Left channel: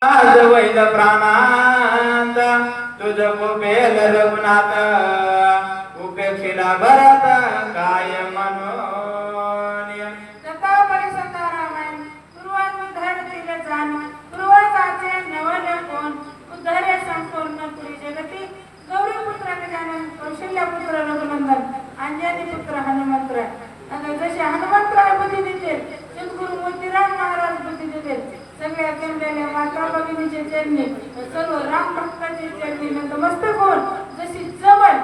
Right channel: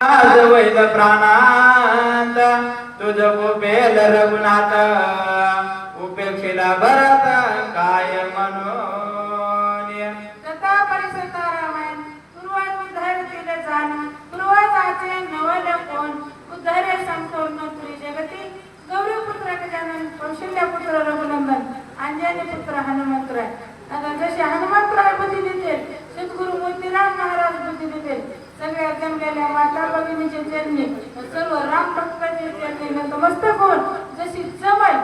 आज वैद प्राणांत तुझ कुपेल रघुनाथ उपेक्षिला भरत काय म्हणून कथा परिसंता रामायण पूर्वात उद्धरतील जाण पूर्वाचे नवल कोण उद्धरे संपूर्ण पुरी जगती गौरीपुत्र गजानन कौशल्यपुत्र रघुनंदन अंजनी पुत्र हनुमंतराय. आणि जसे हनुमंतराय बुद्धी देतील सद्गुरु मोतीराम महाराज बुद्धी देतील. सगळ्या जमलेल्या माता भगिनीचे चरणी सर्व राम भक्तांचे चरणी नतमस्तक होऊन जशी जमल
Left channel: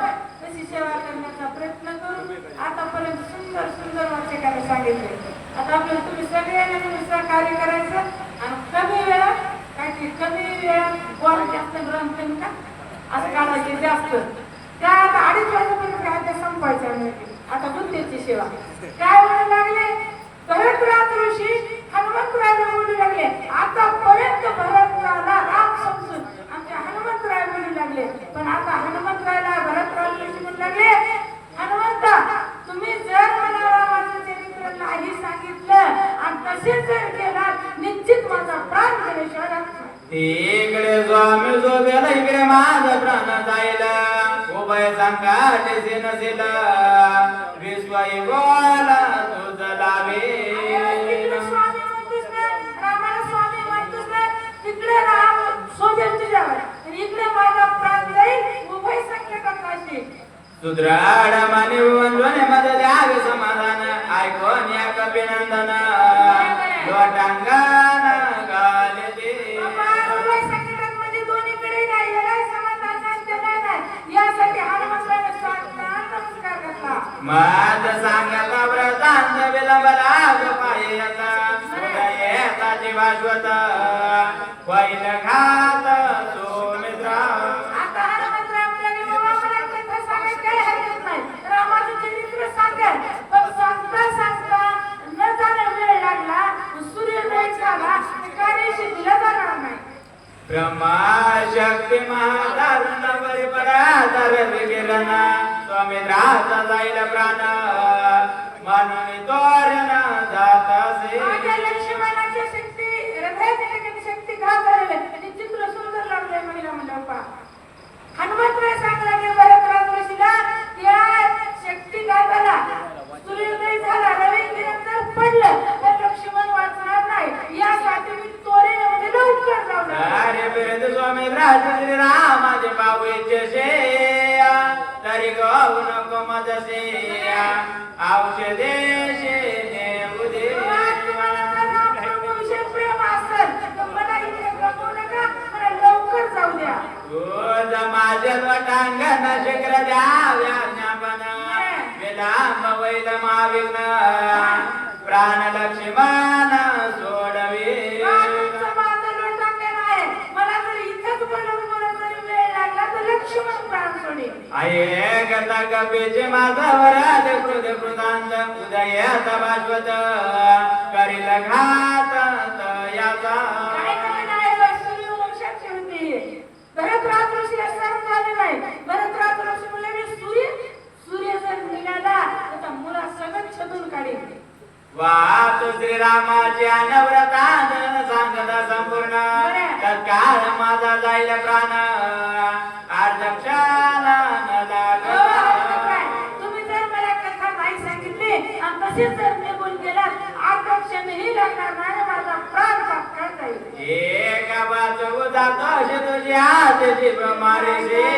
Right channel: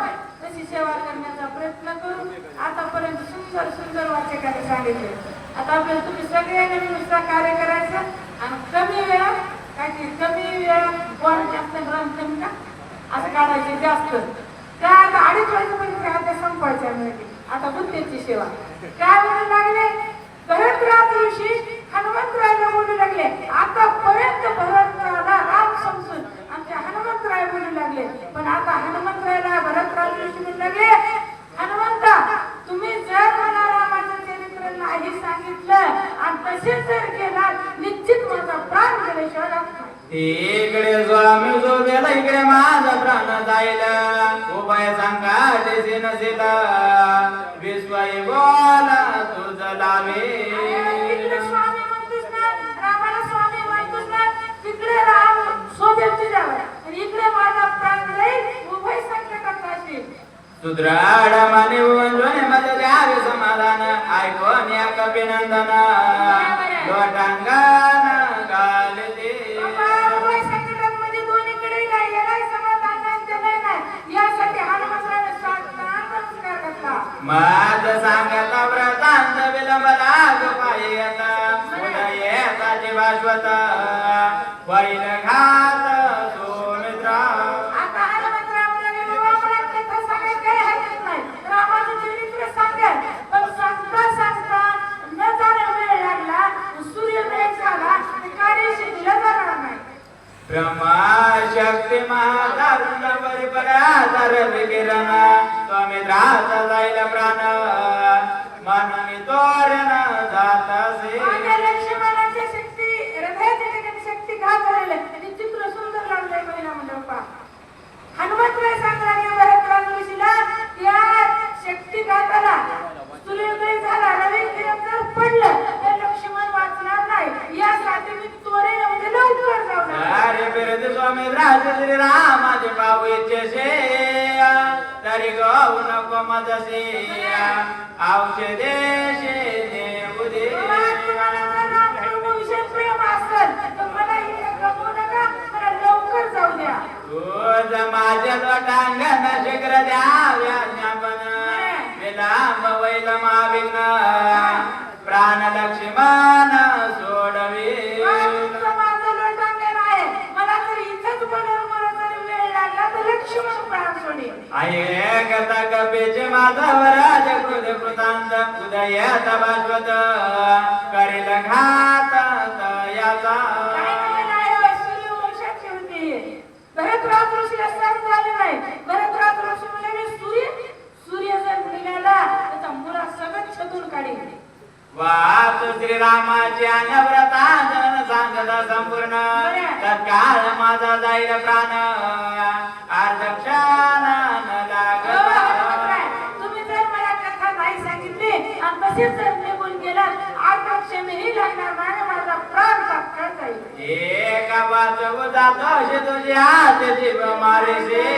तशी सेवा करण्याचा प्रयत्न करू. आतापर्यंत सुंदर सुंदर वाक्य करायला सांगितले. आता आपल्याला तुम्ही सगळ्यांनी नुसतं कार्य करायचं आणि कमी वेळात काही कमी वेळात बॉल जास्त ग्रहण कमी का असं काढायचे जास्त त्या आता 2.5 वाजेपर्यंत त्या संपायच्या मिळते. आता बुद्धीची सेवा काय म्हणू लागले भरत ऋषी हनुमंतरायला बोलू लागले. आतापर्यंत भरतराला राम समजून आमच्या हनुमंतराय बोलू लागले. पण आता हनुमंतरायला भरतराज ऋषी म्हणू लागले हनुमंता तुम्ही जर मला रामाचं चरित्र नाही सांगितलं आणि तसेच जर केला निश्चित माझा प्राण गेल्याशिवाय राहणार. इकडे स्वामी जो गेला इकडे माझा प्राण जाईल उभय सांगा देशी नसेल विश्वाई बोला तुझ लागे. इकडे स्वामी म्हणतोस ना रामाला स्वामी म्हणतोस ना तिकडे राम सोबत तुझ्यावर आणि इकडे माझा प्राण जाईल उभय संकटात काशी. सुद्राड माने वंजने मध्ये द्यावे समाधान ऐकून या कपिनंदन लोटांगण गाले दे. माझ सांगता व्रतांत विलंबला पायता उदयता दिवाश्वत वैल घात सोमित्रा. आता हनुमंतराय मला कथा सांगायला हरकत नाही. रामाचं चरित्र सांगेल पण सांगता सांगता न जाणे वेळ लागला सूर्योदय झाला कार्यशी दिला जाणार नाही. ब्रह्मा शक्ती महादारुण परिपराधार विकिरण स्वामी राहता जाईल प्राण म्हणून तोरण जात असे. माझ्या लक्ष्मणाची शक्ती हृदयाची ठिकाणी शक्ती घातलेली आणि चित्र सुंदर लागले महिला मंडपा. हनुमंतराय सांगणारे भरतराज ऋषीला त्या शक्ती घाताला सूर्योदय झाला रवी किरण जर पडलं तर लक्ष्मण वाचणार नाही यासाठी मी तोरण म्हणजे लवकर जाऊ. अरे बिरद स्वामी राज श्री रामाचे बाबू इच्छे तरी गहू नको मजसे औषधे उदे. लवकर जाऊ द्या. तुझ माझ्या लोटांगण शिखर द्याव्या ज्ञापन विलांब वैल माविघ्न प्राण लक्ष्मण सोडवे. आहे कथा कपेचे माधवराज कृत कृतांत उदयात भास्वत करील घात याचा. भरतराज ऋषीला सांग झाले नाही. भरतराज ऋषी म्हणाले सूर्य जर निघाला त्याचा मुळा सगळं छदून काढेल. वात श्रीरामाच्या नव्रतांजन सांगता संपूर्ण तत्काळ माझा जाईल प्राण अर्धक्षण न लागला. तुम्ही जर मला कथा नाही सांगितली आणि तसेच जर निघून गेलात अर्धक्षणही लागणार नाही माझा प्राण तात्काळ जाईल. एका वाचव जातो तुझी हात जीव मारेसे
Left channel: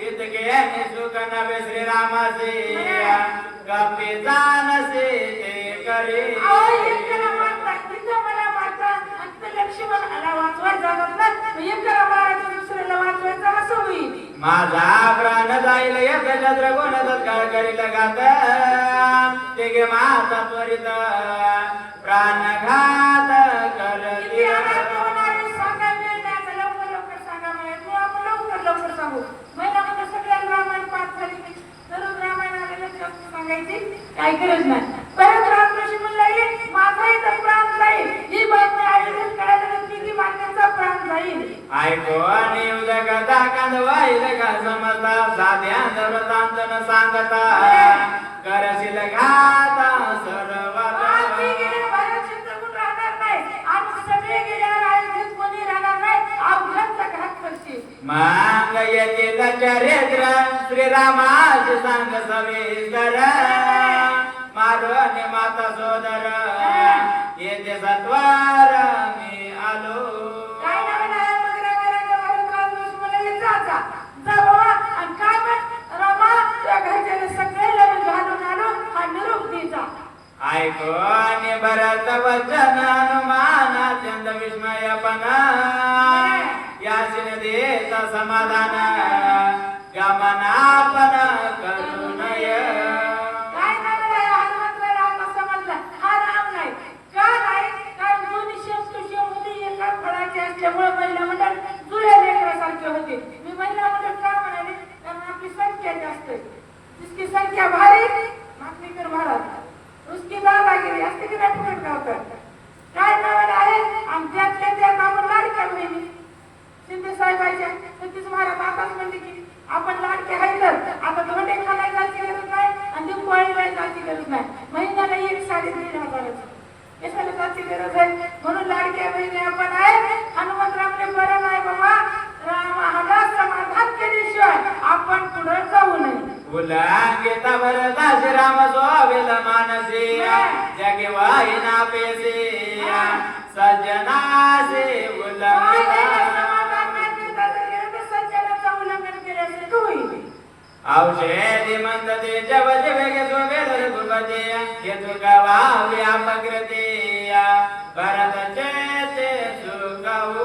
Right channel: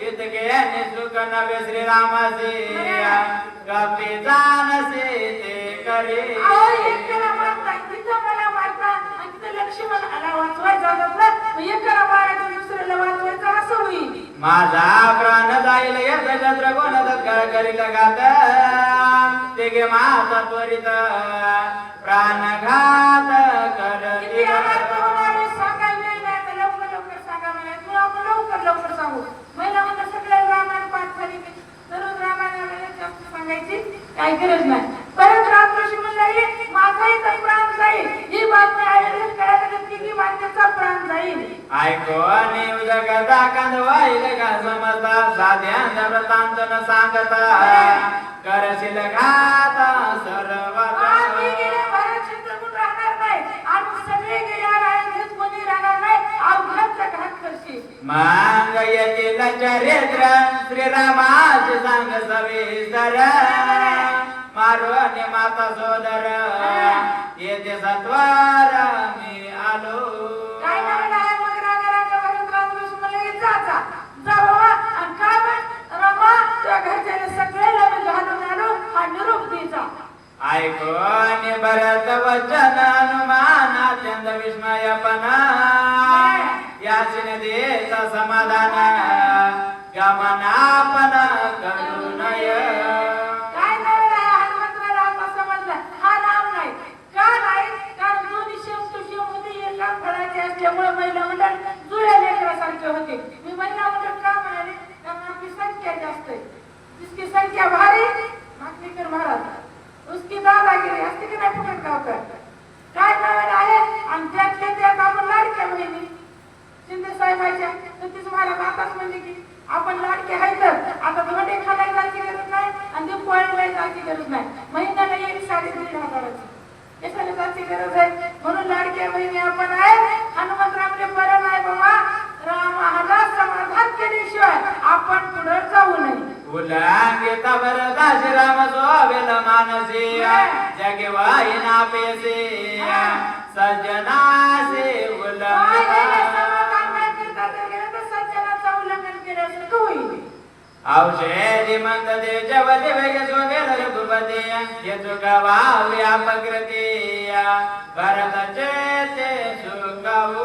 इतके सुख नवे श्रीरामाचे कपी जानसे ते करे. माझा प्राण जाईल यत्र गुण तत्काळ करील घात ते गे माता त्वरित प्राण घात कर. लवकर सांगू महिला म्हणजे सगळ्या रामायण पाठ झाली दररोज रामायणाला सांगायची काही गरज नाही. परत रामकृष्ण म्हणले माझा इथं प्राण जाईल ही बातमी आयोजित करायला नक्की माझ्याचा प्राण जाईल. ऐकून येऊ जगता कांदवाईल का समजता साध्या नव्रतांत न सांगता करशील घाता सर्व राहणार नाही आणि सगळे गेल्या मांग येतील चरित्र श्रीरामाचे सांग सविस्तर मारून माता सोदर येते सत्वार मी आलो. काय नवीन आहे मग रागा भरत लक्ष्मण जाता जा बाबा आणि काय मग रामा तुझ्या घरच्याने सगळे लग्न घालून आलो हा निरोप द्यायचा. ऐकून भरत वचन हनुमान अत्यंत विस्मयपणा यासिन देता समाधान गमनापन करू नय. काय नवीन आहे हनुमंतराव समजला हा राम नाही का नाही कारण दोन्ही संस्कृती होती एका फळाचे असल्यामुळे महिला मंडळ जुळ्या लेकरासारखे होते. मी महिला मंडळ का म्हणाले कारण आपली संख्या जास्त आहे. जिसकी संख्या भारी मागणीकर महाराज उसकी दादागिरी असते की नाही फुकट गावकर. काय नवीन आहे आणि त्यात आपण लाडक्या बहिणी शिंदे साहेबांच्या तर ती तुम्हाला बाताच म्हणजे की आपण लाडके आहेत आता धोंडे खायला जायची गरज नाही आणि दिवाळीला जायची गरज नाही. महिन्याला एक साडी 1,500 कशाला जायची गरज आहे. म्हणून लाडक्या बहिणी आपण आहे. हनुमंतरावले बरं नाही बाबा रामाला समाधान केल्याशिवाय आपण पुढे जाऊ नये. उल्लांघित भरत श्रीराम सोविल मानसी जगे वाहिना पेसे सज्जनासे उल्लंघित औषधी म्हणते जवळ वेगे सोगेल रघुपती हे चुकावा व्यापकृती भरतचे ते सुखावू.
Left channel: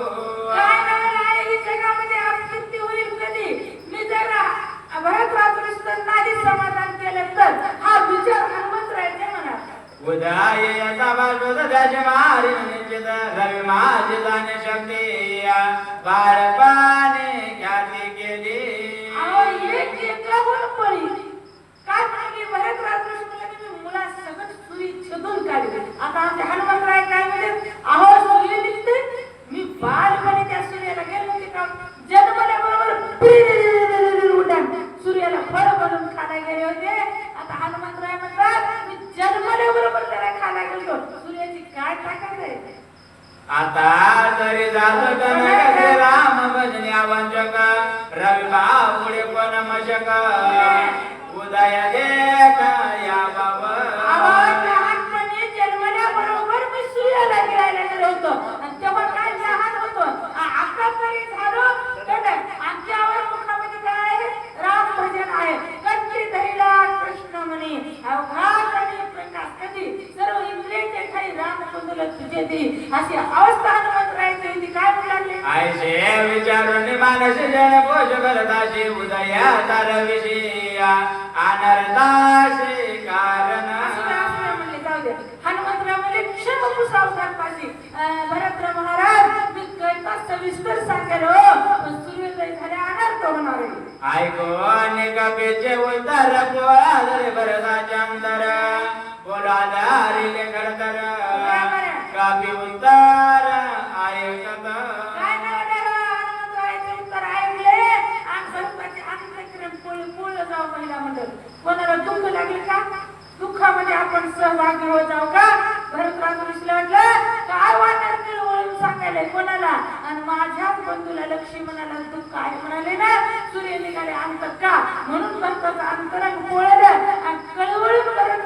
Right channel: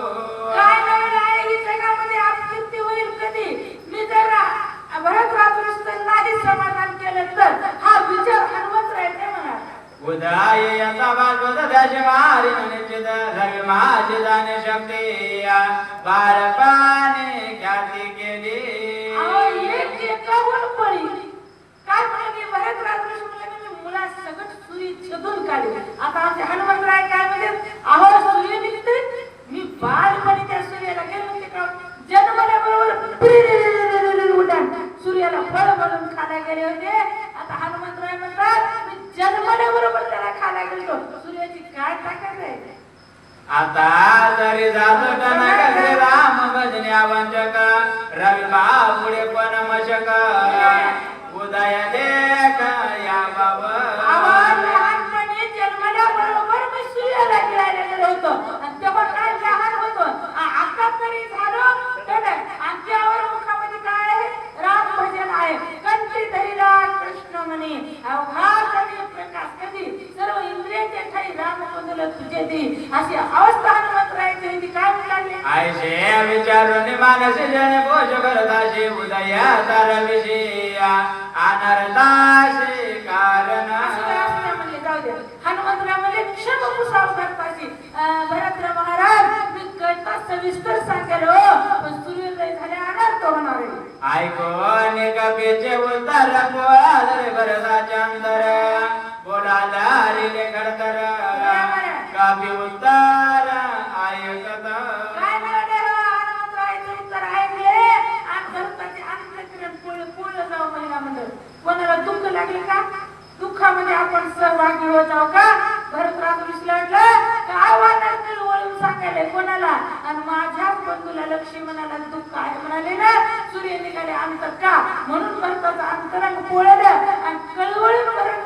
काय नवीन आहे ही जगामध्ये आपत्ती होईल कधी मी जरा भरत रात्रीचं नाही समाधान केलं तर हा विचार हनुमंतरायने म्हणा. उदय यथा बालवत दश मारी निश्चित रवी माझी जाणे शक्ती बाळपाने ख्याती केली. अहो एक एकावर पळी काय म्हणाले भरत रात्रीचं म्हणलं मी मुला सगळं सुरी छेदून काढली. आता आमचे हनुमंतराय काय म्हणजे अहो सूर्य निघते मी बालपणी त्या सूर्याला गेलो होते का जन्मल्याबरोबर उड्डाण सूर्याला फळ बनवून खायला गेले होते. आता हनुमंतराय म्हणतात मी जन्मल्याबरोबर त्याला खायला गेलो. सूर्याची काय ताकद आहे. आता जरी जातो जनक श्रीराम भजन्या वंचक रवी बापुडे पण मशक उदय देख या बाबा. लहानपणी जन्मल्याबरोबर मी सूर्याला गिळायला गेलो होतो आणि तेव्हा काय लहान होतो आता तरी झालो आमच्यावर मुखामध्ये काय आहे राम भजन आहे. कंठी धरिला कृष्ण म्हणे अवघा कधी प्रकाश कधी सर्व इंद्रियांच्या ठाई राम बंधुला तुझे दी अशी अवस्था हनुमंतरायची होती. काय म्हणाले आयशे विचारून मानसी जन पोष करताशी उदया तर विषय अनर्थाशी कारण. हनुमंतराव म्हणजे क्षमपुसाव करताची भरत महाराज मी कळता सविस्तर सांगेल पण सूर्योदय झाले अनर्थ होणार आहे. ऐकून कपीचे उत्तर पोळादरे भरताच्या अंतर बोला दारिले खडतर कपी उत्तर ऐकत. काय म्हणाले हनुमंतरावचे उत्तर ऐकले आणि भरताचे अंतःकरण पूर्ण जाऊ महिला मंडळ. कोणाला दुःख लागले का दुःखामध्ये आपण सहभागी होत जाऊ का. भरत रात्रीस लढलं काय वाटत वळून सांगायला कोणाला आणि माझ्याच बंधूला लक्ष्मणाला दुःख आहे म्हणाले ना सूर्य निघाले अंतर का म्हणून भरताचं अंतरंग पोळलं आणि कळवळून भरत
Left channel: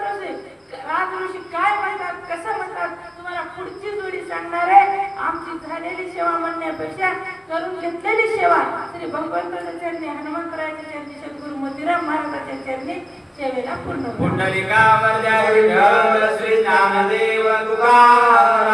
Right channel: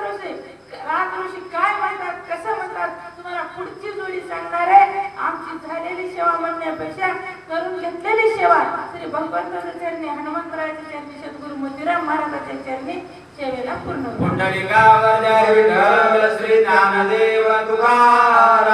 राजऋषी काय म्हणतात कसं म्हणतात तुम्हाला पुढची जोडी सांगणार आहे. आमची झालेली सेवा म्हणण्यापेक्षा करून घेतलेली सेवा श्री भगवंताच्या चरणी हनुमंतरायाच्या चरणी सद्गुरु मोतीराम महाराजांच्या चरणी सेवेला पूर्ण. पुंडलिकावर जय विठ्ठल श्री ज्ञानदेव तुकाराम.